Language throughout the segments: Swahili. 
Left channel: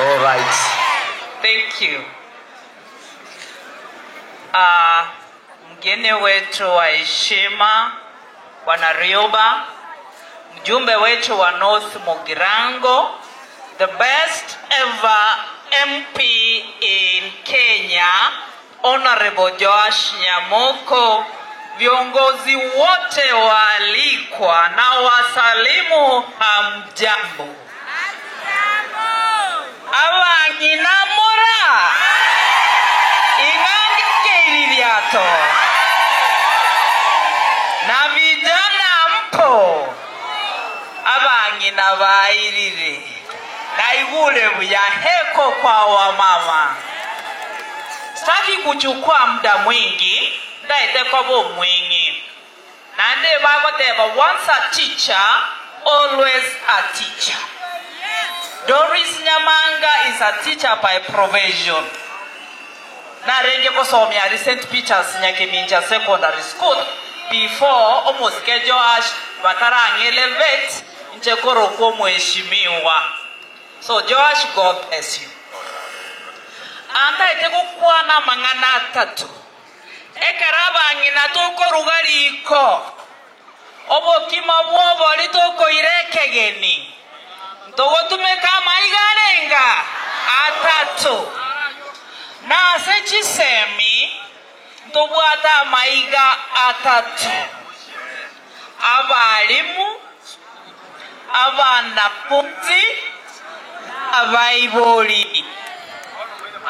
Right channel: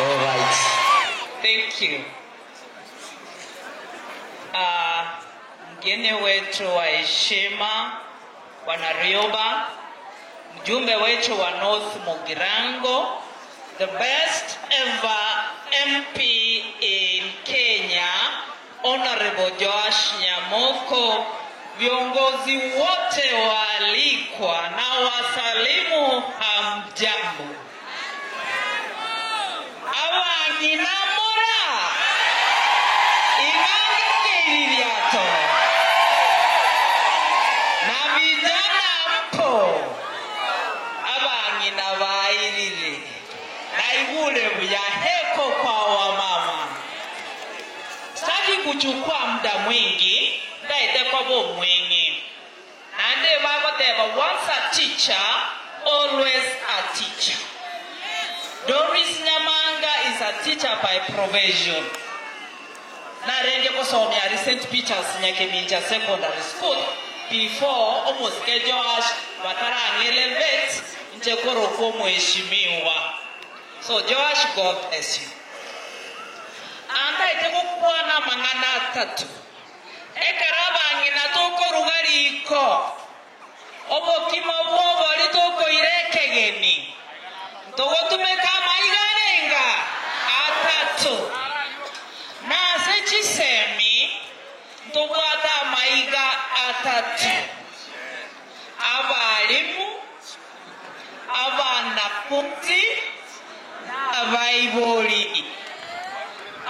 All right. Thank you. Mgeni wetu wa heshima Bwana Rioba, mjumbe wetu wa North Mugirango, the best ever MP in Kenya, Honorable Joash Nyamoko, viongozi wote waalikwa na wasalimu hamjambo. Abanginamura ingange keiriato na vijana mpo abangina bairire naigule buya heko kwa wamama. Sitaki kuchukua muda mwingi, ndaite kwa bo mwingi. Nande bagoteba, once a teacher, always a teacher. Doris Nyamanga is a teacher by provision. Narenge kosomya recent pictures Nyakiminja Secondary School before almost Joash Batarangi elevate nchekoro kwa mheshimiwa. So Joash, God bless you. Anda iteko kwa na mangana tatu. Ekaraba ngina toko rugariko. Obo kima bobo litoko irekegeni. Togo tumeka maigarenga atatu. Na sechi semi tubwata maiga atatu. Abalimu, abanafunzi, abaiboli.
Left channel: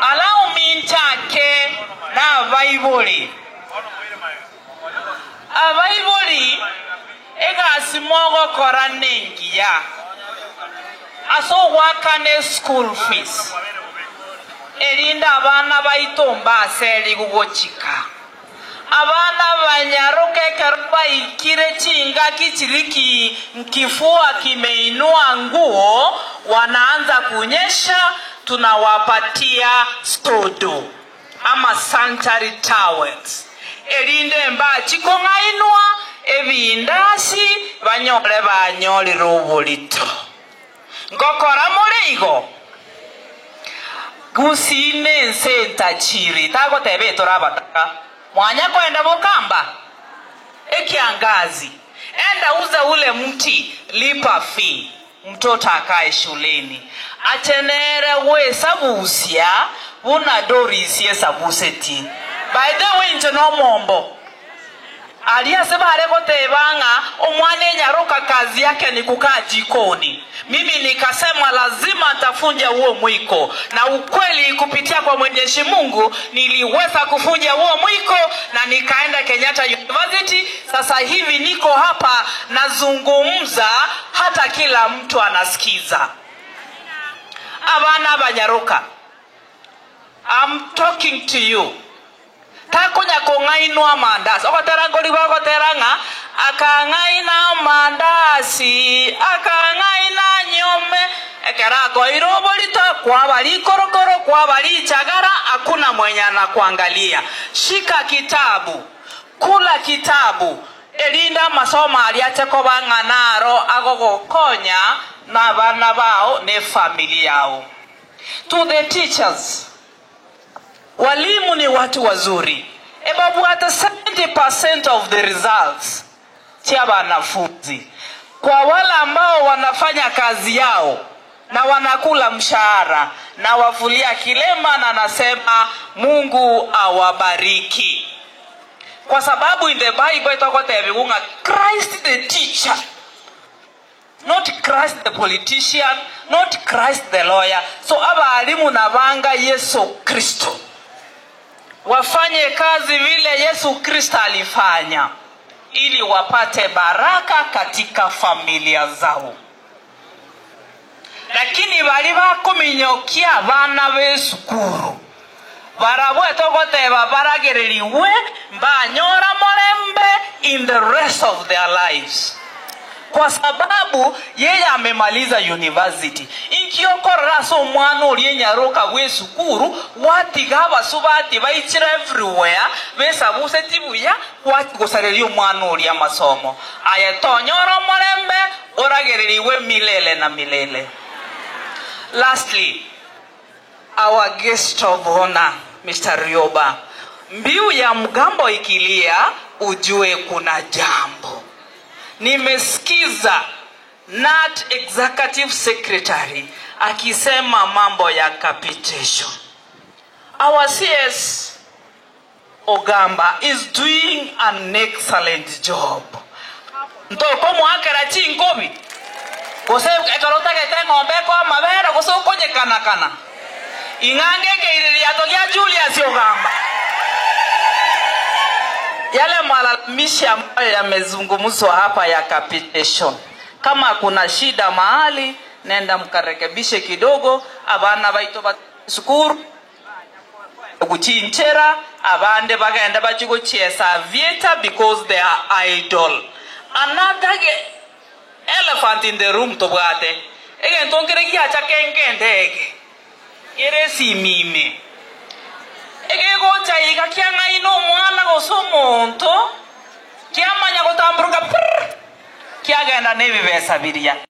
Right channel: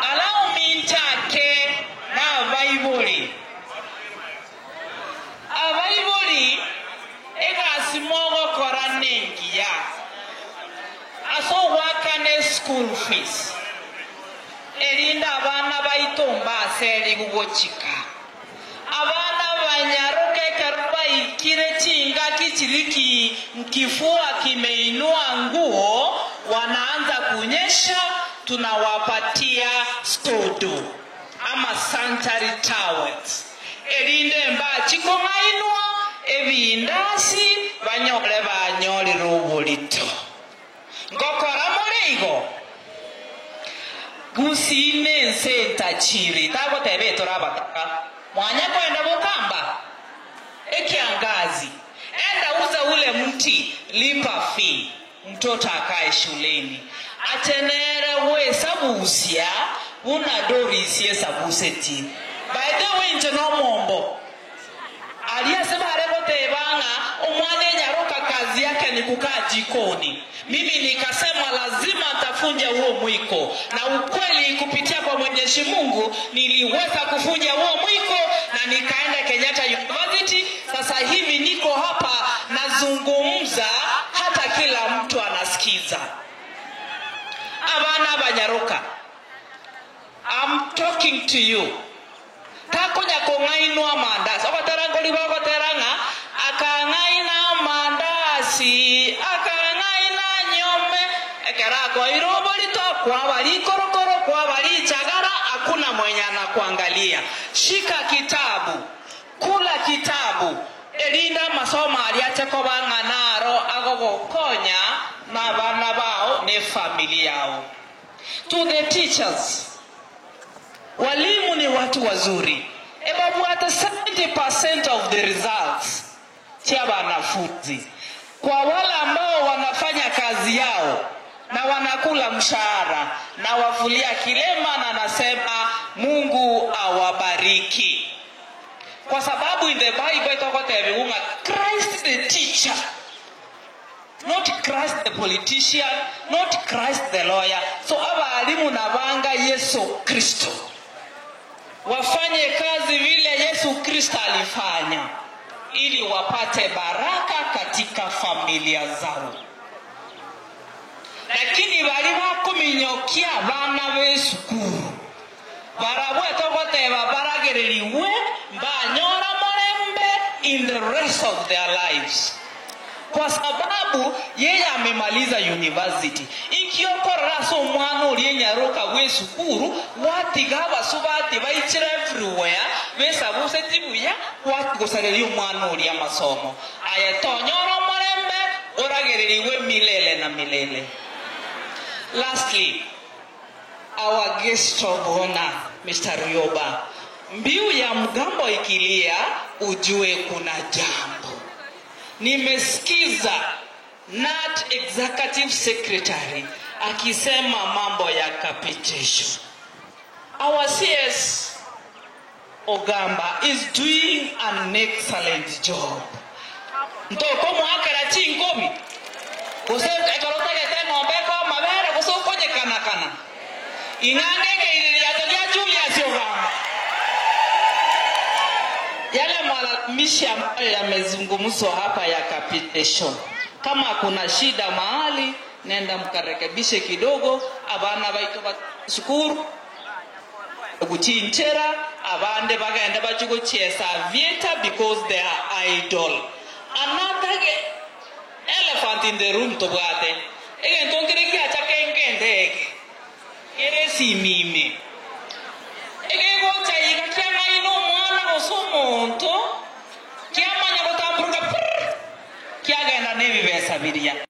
Allow me take na Bible. A Bible ega simogo koranengia. Aso wakane school fees. Elinda abana baitomba seli gugochika. Abana banyaroke karba ikire chinga kichiriki mkifua kimeinua nguo wanaanza kunyesha. Tunawapatia stodo ama sanitary towels. Elinde mba chikongainwa ebindasi banyole banyoli rubulito. Ngokora muligo gusine senta chiri tago tebe torabata mwanya kwenda Bukamba ekiangazi enda uza ule mti lipa fee mtoto akae shuleni. Atenere we sabusia una Doris yesabuseti. By the way nje no mombo. Alia sema aleko tebanga omwane nyaroka kazi yake ni kukaa jikoni. Mimi nikasema lazima nitafunja huo mwiko. Na ukweli kupitia kwa Mwenyezi Mungu niliweza kufunja huo mwiko na nikaenda Kenyatta University. Sasa hivi niko hapa nazungumza hata kila mtu anasikiza. Abana banyaroka, I'm talking to you. Takunya kongainwa mandasi. Okoterangoli wakoteranga. Akangaina mandasi. Akangaina nyome. Ekerago irobolita. Kwa wali korokoro. Kwa wali chagara. Hakuna mwenye anakuangalia. Shika kitabu. Kula kitabu. Elinda masoma aliache banga naro. Agogo konya. Na bana bao ne familia yao. To the teachers. Walimu ni watu wazuri. Ebabu hata 70% of the results chia wanafunzi. Kwa wale ambao wanafanya kazi yao na wanakula mshahara na wafulia kilema na nasema Mungu awabariki. Kwa sababu in the Bible itakotebiunga Christ the teacher. Not Christ the politician, not Christ the lawyer. So abalimu na banga Yesu Kristo. Wafanye kazi vile Yesu Kristo alifanya ili wapate baraka katika familia zao. Lakini bali bakuminyokia bana besukuru. Barabwe tokoteba baragereriwe banyora morembe in the rest of their lives. Kwa sababu yeye amemaliza university. Ikiokora so mwana olienyaroka wesukuru watigaba subati baichira everywhere besabuse tibuya kwati gusarelio mwana oli amasomo ayetonyoro morembe oragereriwe milele na milele. Lastly, our guest of honor, Mr. Rioba. Mbiu ya mgambo ikilia, ujue kuna jambo. Nimesikiza NAT Executive Secretary akisema mambo ya capitation. Our CS Ogamba is doing an excellent job. Ntoko mwakera chingobi. Kose ekarota kete ngombe kwa mabera kose ukonye kana. Ingangenge ili yatokia Julius Ogamba. Yale malalamishi ambayo yamezungumzwa hapa ya capitation. Kama kuna shida mahali, nenda mkarekebishe kidogo, abana baito basukuru. Kuchinchera, abande bagenda bachigo chiesa vieta because they are idle. Another elephant in the room to bwate. Ege ntongere kiacha kengende. Ere si mime. Ege gocha iga kianga ino mwana gosomonto. Kiamanya gotamburuka. Kiagenda nebi besa biria.